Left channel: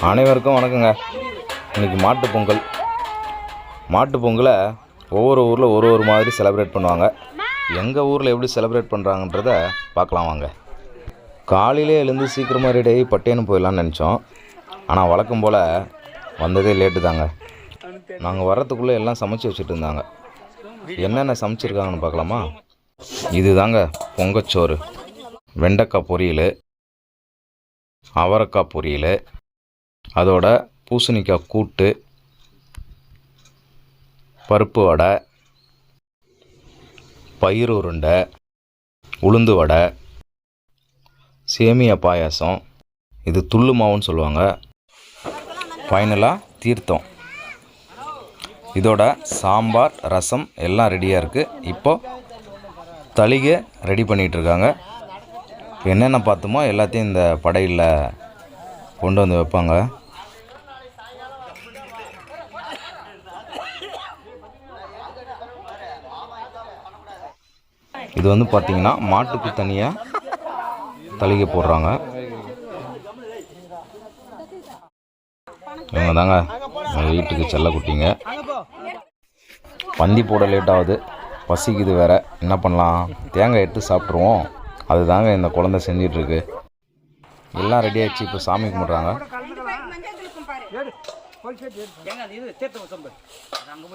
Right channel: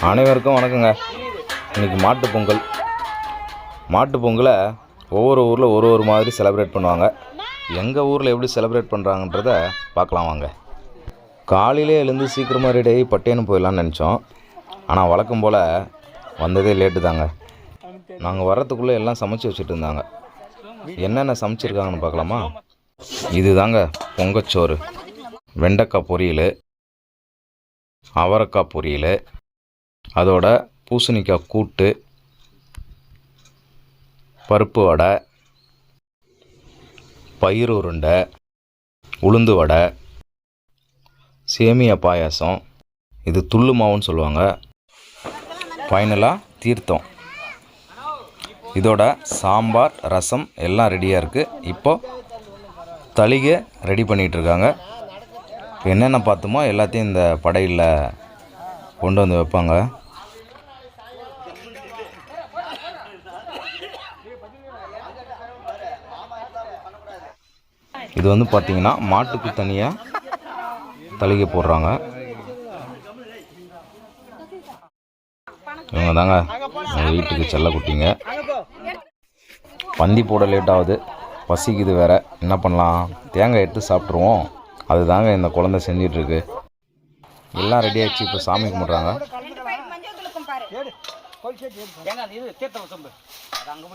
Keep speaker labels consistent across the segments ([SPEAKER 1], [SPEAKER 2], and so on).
[SPEAKER 1] அனைவருக்கும் வணக்கங்க. இன்றைக்கி மாட்டுப் பொங்கல். மாட்டுப் பொங்கலை ஒவ்வொரு ஊரில் ஒரு ஒரு மாதிரி செலிப்ரேட் பண்ணுவாங்க. எங்கள் ஊரில் எப்படி செலிப்ரேட் பண்ணுறாங்கன்றத பார்க்கலாம் வாங்க. காலையிலே எழுந்து சீக்கிரமாக ரெடி ஆகி பட்டேன்னு போயிடலான்னு நினச்சோம். ஆனால் வழக்கம் போல் வந்ததே லேட்டு தாங்க. நாங்கள் வர்றதுக்குள்ளே எல்லாம் சமைச்சு வச்சுட்டு இருந்தாங்க. என்னென்ன சமைச்சிருக்காங்கன்னு பார்க்கலாமா? இது தாங்க பொங்கச்சோறு. வெண்டைக்காய் பொரியல். அவரைக்காய் பொரியல் அதோட பூசணிக்காய் கூட்டு பருப்பு வடை பயிறு உருண்டை உளுந்து வடை சேமியா பாயாசம் இது துள்ளு மாவுன்னு சொல்லுவாங்க. ஃபைனலாக தீர்த்தம். இதோட சாம்பார் ரசம் எல்லாம் ரெடியாக இருக்குது இப்போது தளிகை ரெடி பண்ணிகிட்ருக்காங்க என்னென்ன பார்த்தோமோ எல்லாத்தையும் இந்த படையில் கொண்டு வந்து வைப்பாங்க. இது வந்து பார்த்தீங்கன்னா மாட்டுக்கு தனியாக தளிகை போடுறாங்க. இவங்க தாங்க எங்கள் வீட்டுக்கு செல்லக்குட்டிங்க பந்தி போட லேட் ஆகுது பசிக்குது வேற. என்ன பண்ணலாம்? தேங்காய் எடுத்து சாப்பிட்ருவோம் அதுதாங்க இந்த குழந்தை செஞ்சிட்ருக்கு. எல்லாம் ரெடி ஆயிடுச்சு இப்போ சாமி கும்பிட்றாங்க.
[SPEAKER 2] ஏங்க அது இது தீர்த்தம் சொம்பு. அது அங்கே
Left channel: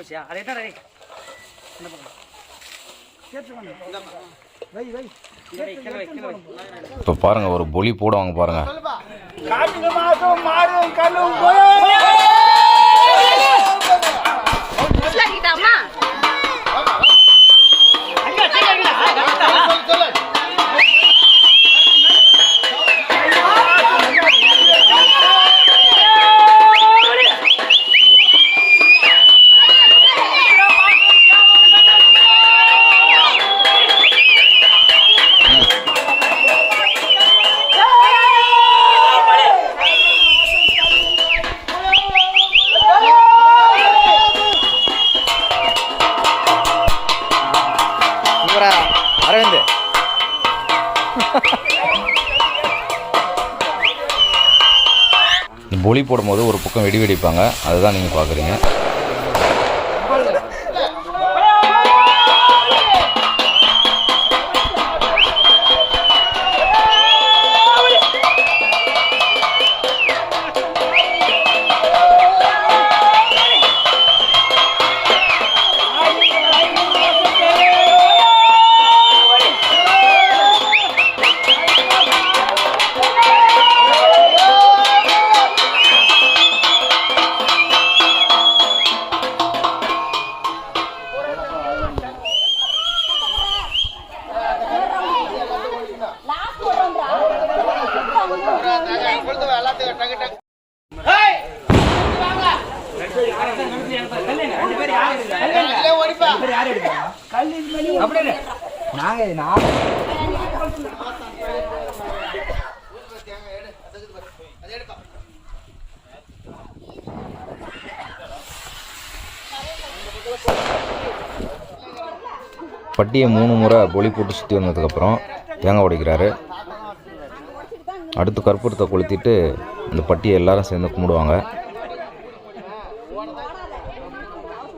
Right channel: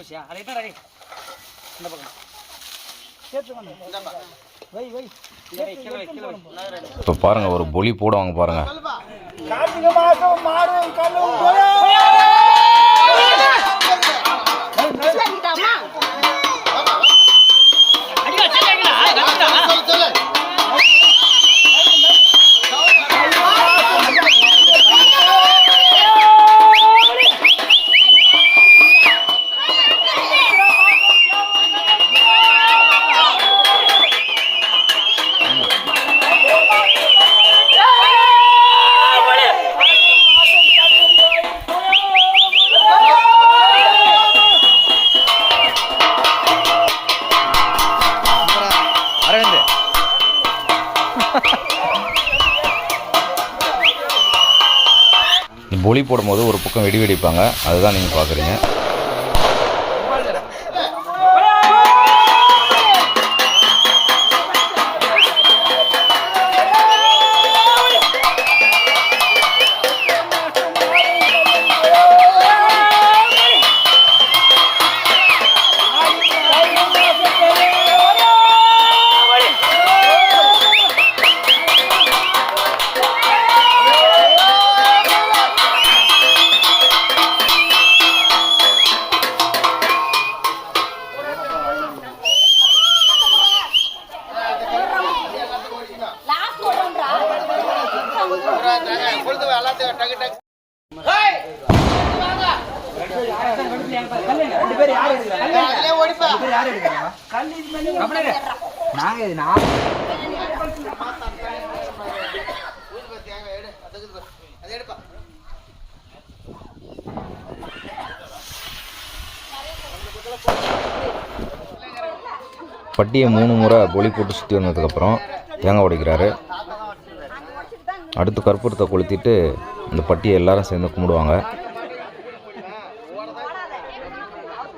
[SPEAKER 1] பொலி போடும்போது ஒரு பக்கம் வெடி வெடிப்பாங்க. அதுதான் நீங்கள் பார்க்குறீங்க பட்டியை மூணு முறை பொலி போட்டு சுற்றி வந்ததுக்கப்புறம் தேங்காய் உடைக்கிறாரு. அடுத்து கற்பூரத்தை கொளுத்திட்டு இந்த பட்டியை எல்லாரும் சேர்ந்து கும்பிடுவாங்க.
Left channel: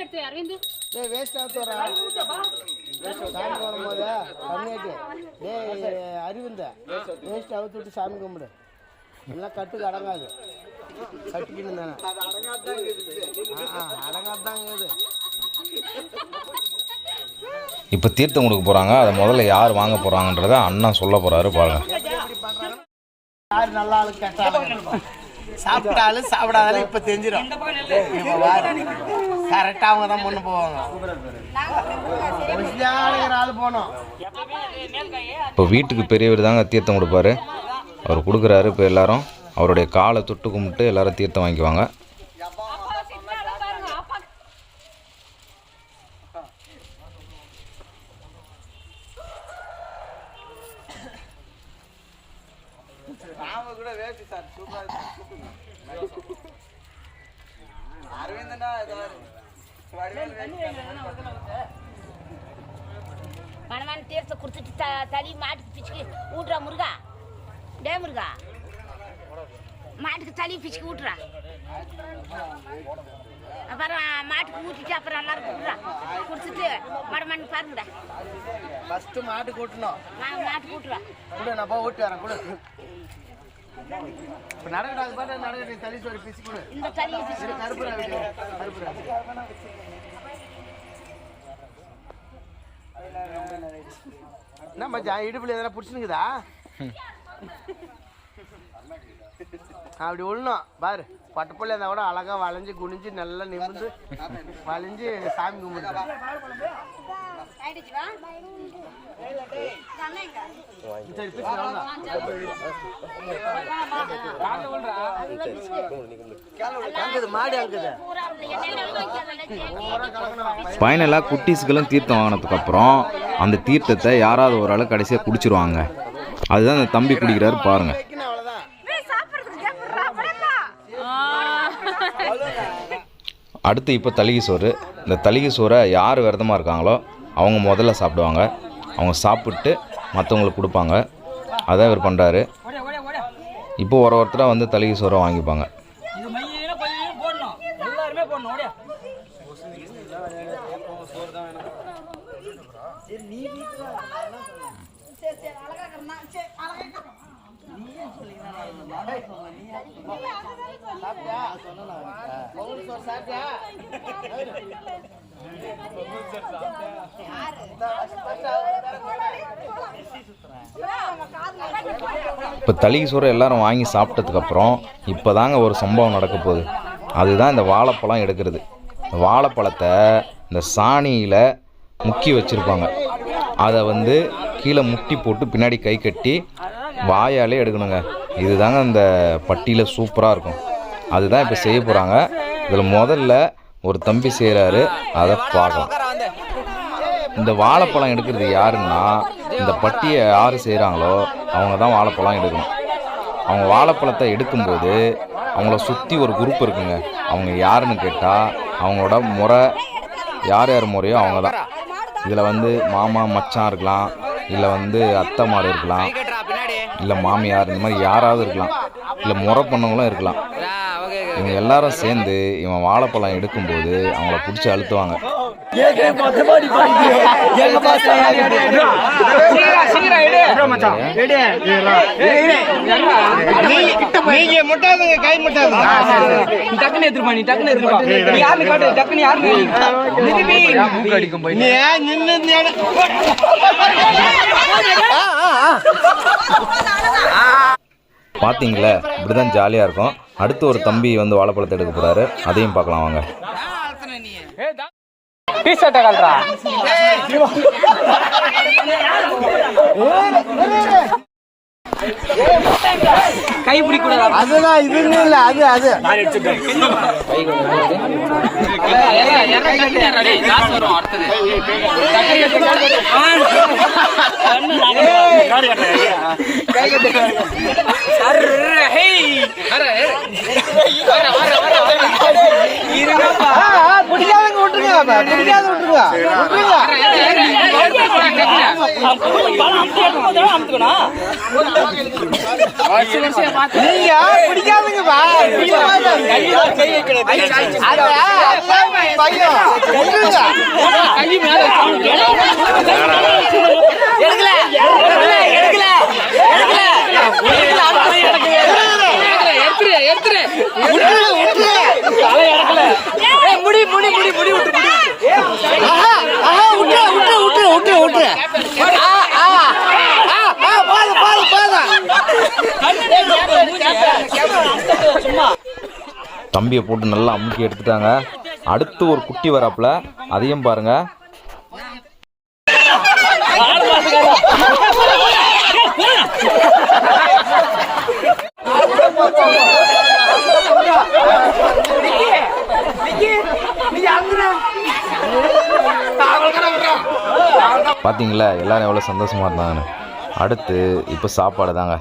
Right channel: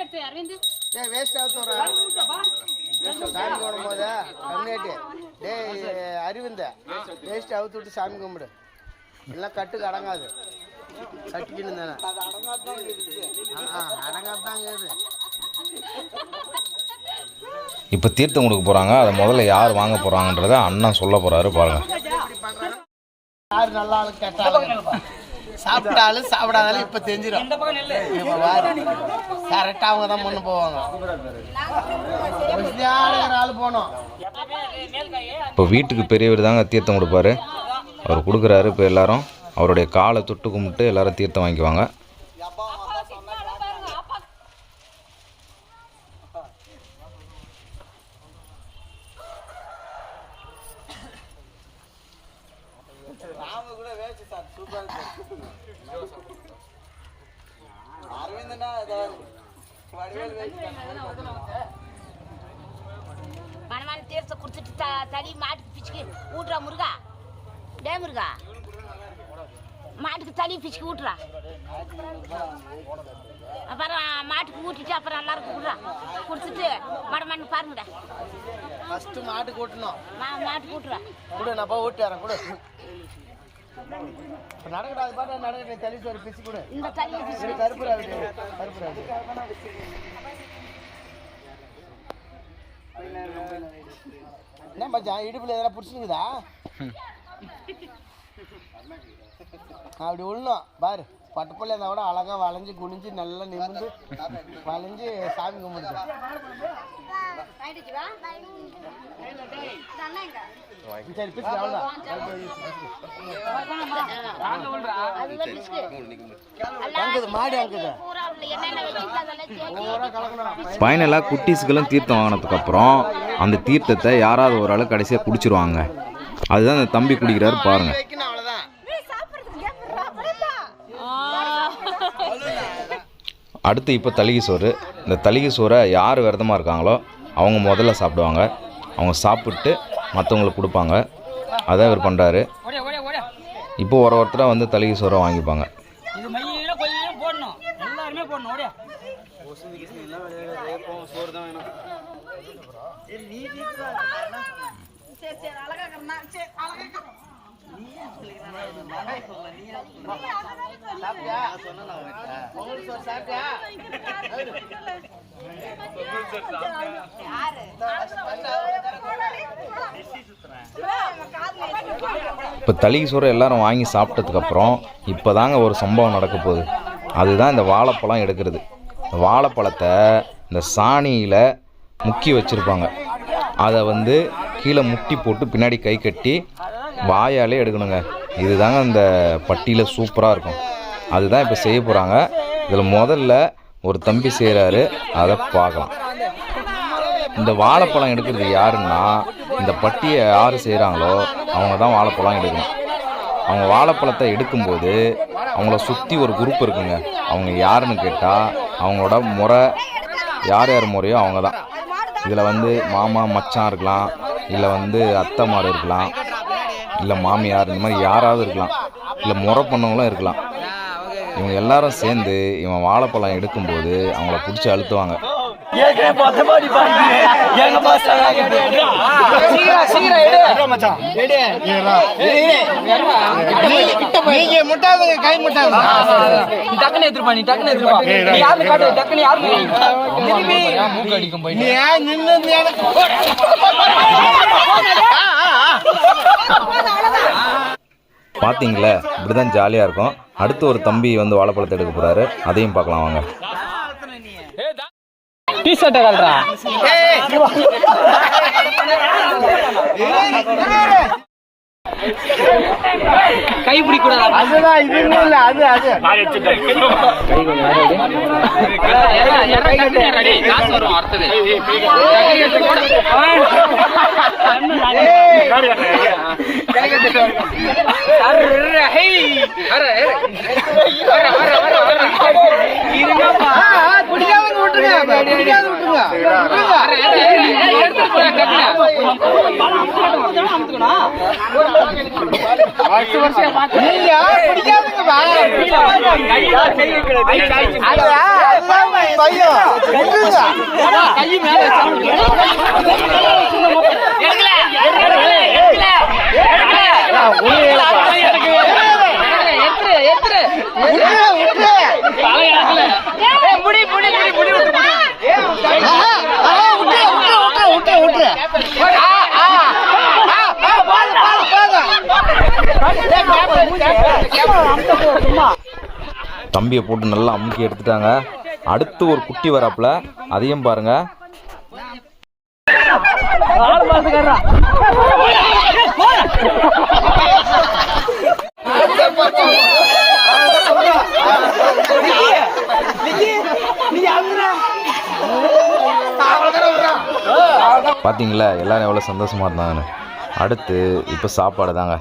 [SPEAKER 3] பருப்பு எடுத்து அரவிந்த்.
[SPEAKER 4] டேய் வேஸ்ட் சாமி போடும்போது கம்மியாட்டு டேய் வேஸ்ட் அவுத்து விட்டு சாமி கும்பிடு. எல்லாம் கட்டுக்கு அடங்காது. கட்டிக்கின்னு தானே.
[SPEAKER 1] இப்போ தீர்த்தம் கொடுக்க போகிறாங்க அதை முதல்ல யார் வாங்க போகிறாங்கன்றத அண்ணன் சொல்ல போகிறாரு பாருங்கள்
[SPEAKER 4] யார் நல்ல ஆளு கெட்ட? ஆளு சாப்பிட்டாலும் சாப்பிடாதாலும் இப்போ தெரிஞ்சிடும் கரெக்டா கரெக்டாக அவங்க தான் பொண்ணு போவாங்க. ஆள் போனோம்.
[SPEAKER 1] இப்போ வீட்டுக்கு பெரியவர் தாங்க தீர்த்தம் கொடுப்பாரு. அவர் கொடுக்குறாரு இப்போ எல்லாரும். அவருடைய காலை தொட்டு கும்பிட்டு எல்லாரும் தீர்த்தம் வாங்கிக்குவாங்க.
[SPEAKER 5] மனமான தீர்த்த கொடுத்துட்டு த தடி மாட்டுக்கு பிச்சுக்கு ஊட்டுறா முருகா. டே முருகா. மாட்டுக்கு தடி பிச்சுக்கு ஊட்டுறா. அப்புறம் மாட்டுக்கு ஊட்டிட்டு அப்புறம் எல்லாருக்கும் விட்றா கொடுத்துட்டு மடமண்ணு பாருங்கடா.
[SPEAKER 4] ஃபஸ்ட்டு மாட்டு கூட்டணும்
[SPEAKER 5] மா மாட்டுக்கு ஊட்டுறா.
[SPEAKER 4] கொடு நான் போய் ஊட்டி வரேன் கொடு. இப்போ நடக்கடாது பாட்டு தள்ளி சோறு பிச்சு கொடு.
[SPEAKER 5] இந்த தடியை பிச்சு
[SPEAKER 4] கருப்பு கருப்பு. என்ன மச்சான் இடுப்புல எதனா பிடிச்சினுக்குதா அப்படி உள்ளணும் பாரு. பட்டுப்புள்ள இருந்தால் கூட அழகா வளைஞ்சு குனிஞ்சு நல்லா நிமிர்ந்து வளைஞ்சு சாமி
[SPEAKER 1] ஃபைனலாக குட்டீஸுக்கெல்லாம் தீர்த்தம் வாங்கினதுக்கப்புறம் அந்த தீர்த்தத்தை யாராவது ஒரு ஆள் கடைசியாக குடிச்சிருவாங்க. அதுதான் அந்த தம்பி குடிக்கிறாரு பாருங்கள் அடுத்து இப்போ தளிகை சோறு. இந்த தளிகை சோறை யார் விரதமாக இருக்காங்களோ அவங்க முதல்ல சாப்பிடுவாங்க. அவங்க சாப்பிட்டு மற்றவங்களுக்கு கொடுப்பாங்க. அதான் இவர் பண்ணுறாரு
[SPEAKER 2] ஓடியா ஓடியா ஓடியா
[SPEAKER 1] இப்போ ஒரு ஒருத்தராக வந்து தளிகை சோறை வாங்கிப்பாங்க.
[SPEAKER 4] உங்களுக்கு சாப்பிட்டியா?
[SPEAKER 1] இப்போ தளிக்கு சோறு எல்லாரும் வாங்கி சாப்பிட்டதுக்கப்புறம் இப்போ தாங்க ஒரு சம்பவம் நடக்க போகுது அதுதான் இந்த வாழைப்பழம் எடுக்கிறது வாழைப்பழத்தை இந்த சாணியில் முக்கி வச்சுருப்பாங்க அதை வந்து கீழே முட்டி போட்டு பின்னாடி கை கட்டி வாயாலே எடுக்கணுங்க. இதுதாங்க அந்த பட்டியில் சூப்பராக இருக்கும். அதுதான் இப்போ செய்ய போகிறாங்க இதில் முதல்ல ஒரு தம்பி செய்கிறாரு அதை பார்க்கலாம். இந்த வாழைப்பழம் எடுக்கிறது யாருன்னா இந்த பட்டியை யார் செய்கிறாங்களோ அவங்க தான் வாழைப்பழம் எடுக்கணும். அவங்க வாழைப்பழத்தை எடுக்கும்போது அவங்கள சுற்றி ஒரு குரூப் இருக்குங்க. அவங்க யாருன்னு கேட்டால் அவங்களோட முறை யார் யார் முறையோ அவங்க தான் இதில் வந்து மாமா மச்சான் இருக்கலாம். இல்லை வந்து அத்தை மாடு இருக்கலாம். இல்லை மாமியார் இந்த மாதிரி யாராவது இருக்கலாம். இல்லை முறை பண்ணவங்களும் இருக்கலாம். இவங்க எல்லாரும் சேர்ந்து இவன் வாழைப்பழம் எடுக்கும்போது அவங்கள பிடிச்சி அழுத்துவாங்க.
[SPEAKER 4] நீங்க முட்டாதுங்க கை
[SPEAKER 2] நீ நீ காட்டு திரும்பி
[SPEAKER 4] நீ ஏன் நின்னு நின்னு-
[SPEAKER 1] பார்த்தீங்களே இப்படி தான் ஜாலியாக இருக்கும். அடுத்து ஒரு தம்பி வந்து வாழைப்பழத்தை எடுக்க போகிறாரு அதையும் பார்க்கலாம் வாங்க.
[SPEAKER 2] டி ஷர்ட்டை கல்றா கை பிடிக்க கூடாது
[SPEAKER 4] அதுதான் இது இல்ல அது அது
[SPEAKER 2] காசு வரும்
[SPEAKER 4] நீங்க பிடிக்காதுங்கப்பா
[SPEAKER 2] எடுக்கல எடுக்கல எடுத்துரு எடுத்துரு முடி முடி விட்டு
[SPEAKER 1] தம்பியை போட்டு நல்லா அமுக்கி எடுத்துட்டாங்க. அடுத்து ஒரு குட்டி வராப்புல. அதையும் பாருங்கள் பார்த்தீங்களா எல்லாரும் எவ்வளோ சந்தோஷமா இருந்தாங்கன்னு. அடுத்து இப்போ சாப்பாடு தாங்க.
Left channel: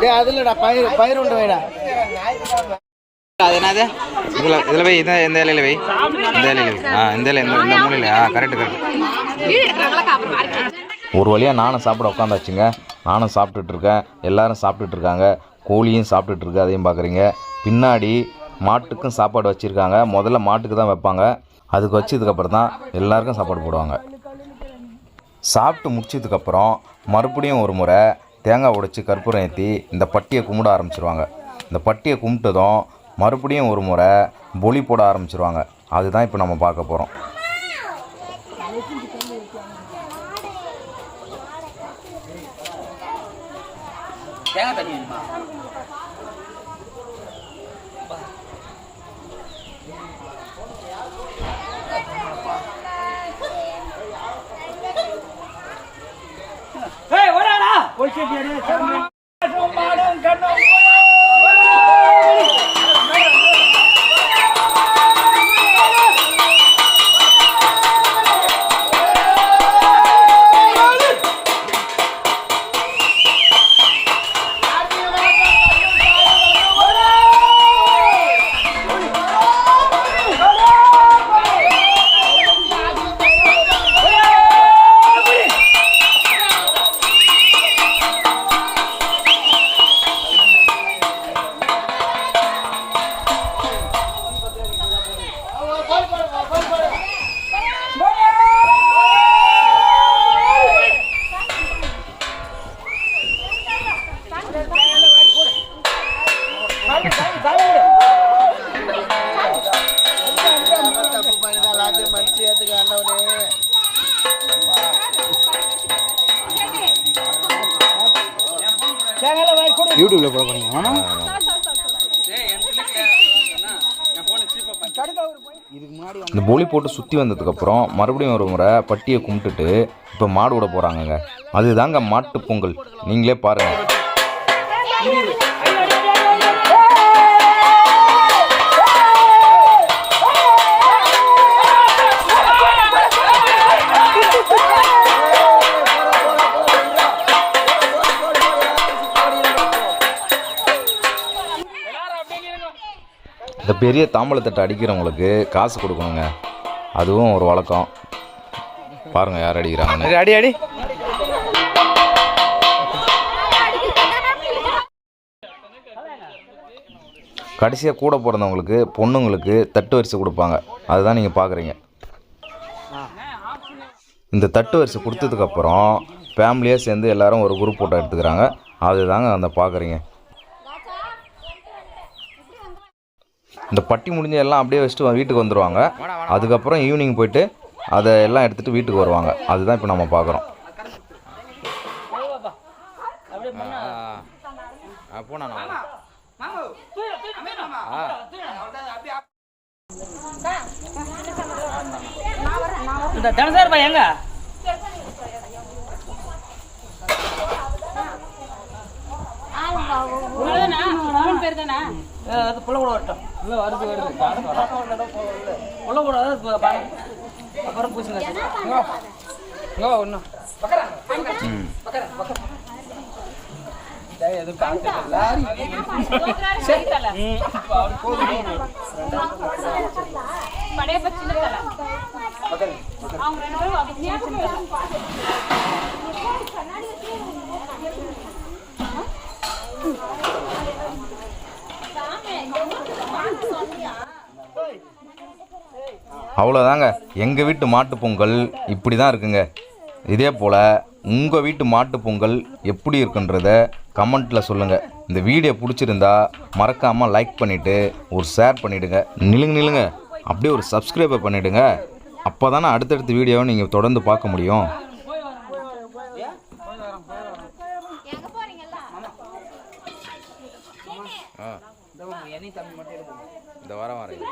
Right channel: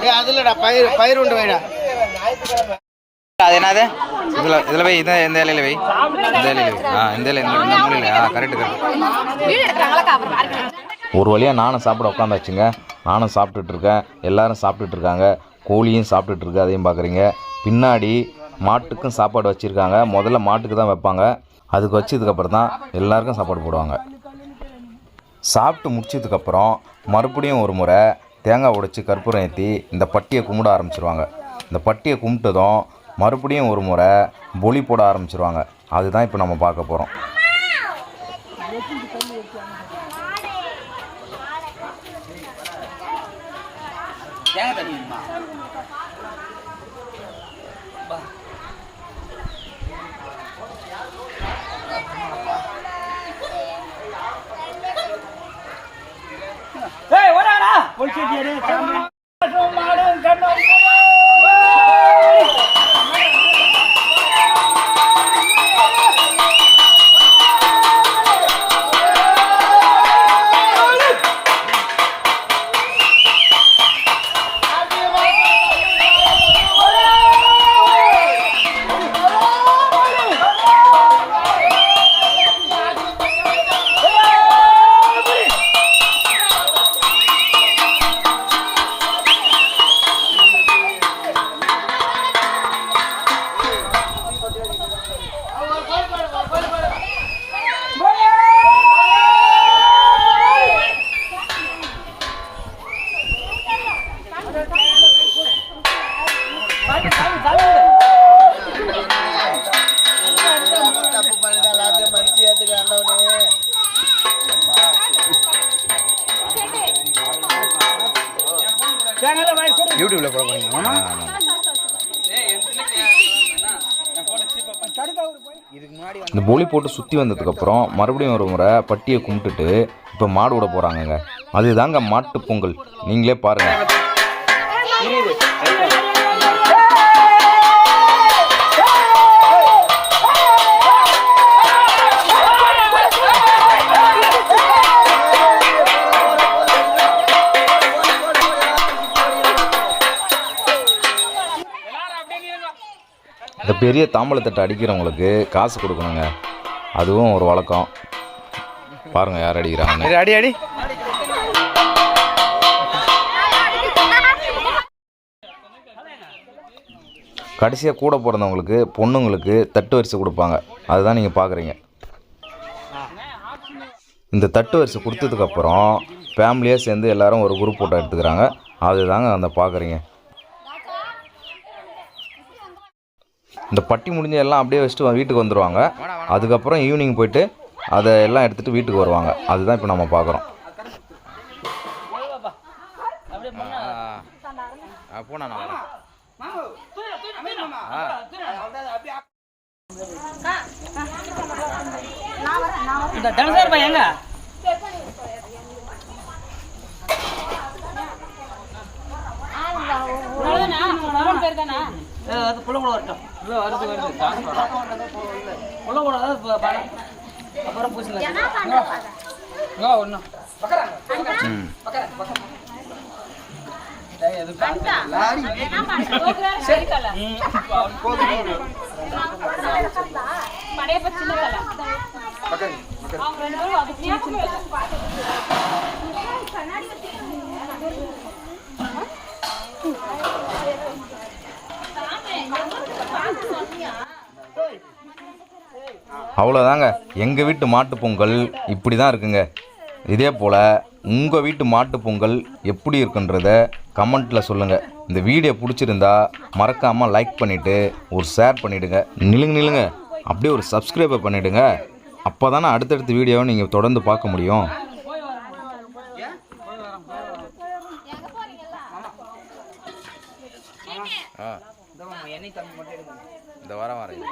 [SPEAKER 4] டேய் அதுலடா பயிர் பயிர் உண்டு வேடா.
[SPEAKER 1] அது என்னது? இதில் இதில் வை இந்த இந்த இலையில வை இந்த இலையில ஆ இந்த இலை இந்த இந்த மூலையில். ஆ கரெக்டு கரெக்ட் ஒரு வழியாக நானும் சாப்பிட உட்காந்தாச்சுங்க நானும் சாப்பிட்டுட்டு இருக்கேன் எல்லாரும் சாப்பிட்டுட்டு இருக்காங்க கோழியும் சாப்பிட்டுட்டு இருக்கு அதையும் பார்க்குறீங்க பின்னாடி மாட்டுக்கும் சாப்பாடு வச்சுருக்காங்க. முதல்ல மாட்டுக்கு தான் வைப்பாங்க. அதுக்கு வச்சதுக்கப்புறம் தான் எல்லாருக்கும் சாப்பாடு போடுவாங்க. சாப்பிட்டு முடிச்சதுக்கப்புறம் மறுபடியும் ஒரு முறை தேங்காய் உடைச்சி கற்பூரம் ஏற்றி இந்த பட்டியை கும்பிட ஆரம்பிச்சிருவாங்க. இந்த பட்டியை கும்பிட்டதும் மறுபடியும் ஒரு முறை பொலி போட ஆரம்பிச்சிருவாங்க. அதுதான் இப்போ நம்ம பார்க்க போகிறோம்
[SPEAKER 2] தேங்காய் தண்ணி வேணுமா ஏய் ஓடாடா போய்ச்சிட்டு எடு சாமி மாடும் கண்ணும்
[SPEAKER 4] தப்பு பண்ணிதான் எல்லாத்தையும் மனுஷன் ஏத்துக்க ஆண்டவனே
[SPEAKER 1] இந்த பொலி போட்டு சுற்றி வந்ததுக்கப்புறம் மறுபடியும் ஒரு முறை பட்டியை கும்பிட்டுட்டு இப்போ மாடு விட போகிறாங்கங்க அதுதாங்க மாட்டுப் பொங்கல். நீங்களே பாருங்கள் பெரிய தாம்பழத்தட்டை அடிக்கிறவங்களுக்கு காசு கொடுக்கணுங்க. அதுவும் ஒரு வழக்கம். பாருங்க யார் அடிக்கிறாங்கன்னு.
[SPEAKER 2] அடி அடி
[SPEAKER 1] கடைசியாக கூட பிறந்தவங்களுக்கு பொண்ணுங்களுக்கு தட்டு வரிசை கொடுப்பாங்க. அதுதான் நீங்கள் பார்க்குறீங்க இந்த தட்டு வரிசை கொடுத்ததுக்கப்புறம் ஃபேமிலியாக சேர்ந்து எல்லாரும் ஒரு குரூப் ஃபோட்டோ எடுத்துக்கிறாங்க. அதுதாங்க அந்த பார்க்குறீங்க இந்த பட்டி முடிஞ்ச எல்லாம் அப்படியே வச்சுட்டு வீட்டுக்கு வந்துடுவாங்க அதுக்கப்புறம் ஈவினிங் போயிட்டு அதை எல்லாம் எடுத்துகிட்டு வீட்டுக்கு வருவாங்க. அதுதான் இப்போ நம்ம பார்க்குறோம் போனா நான் வரேன்.
[SPEAKER 2] இந்த தனசார் பையன் எங்க?
[SPEAKER 3] பேர் தானா?
[SPEAKER 2] அது புள்ள கூட வரட்டும். இல்லை வருது வருது. புள்ள கூட தான் இப்ப பா- அப்புறம்
[SPEAKER 3] படையப்ப சின்ன தலை அவங்க ரெண்டு பேரும் அது சின்ன சின்ன தலை
[SPEAKER 1] அவ்வளோதாங்க எங்கள் வீட்டு மாட்டுப் பொங்கல் இப்படி தான் இருக்குங்க. இதே போல் உங்கள் வீட்டு மாட்டு பொங்கல் எப்படி இருக்குன்றத கமெண்ட்டில் சொல்லுங்கள் இந்த வீடியோ பிடிச்சிருந்தா மறக்காமல் லைக் பண்ணிவிட்டு ஒரு ஷேர் பண்ணிவிடுங்க நிலுங்க நிலுங்க. அப்படியே ஒரு சப்ஸ்கிரைபை பண்ணிவிடுங்க அப்போ தானே அடுத்தடுத்த வீடியோவை நீங்கள் தொடர்ந்து பார்க்க முடியும். ஆ
[SPEAKER 2] எண்ணெய் தம்பி மட்டும் எடுக்கணும்
[SPEAKER 1] இந்த வாரம் வரேன்.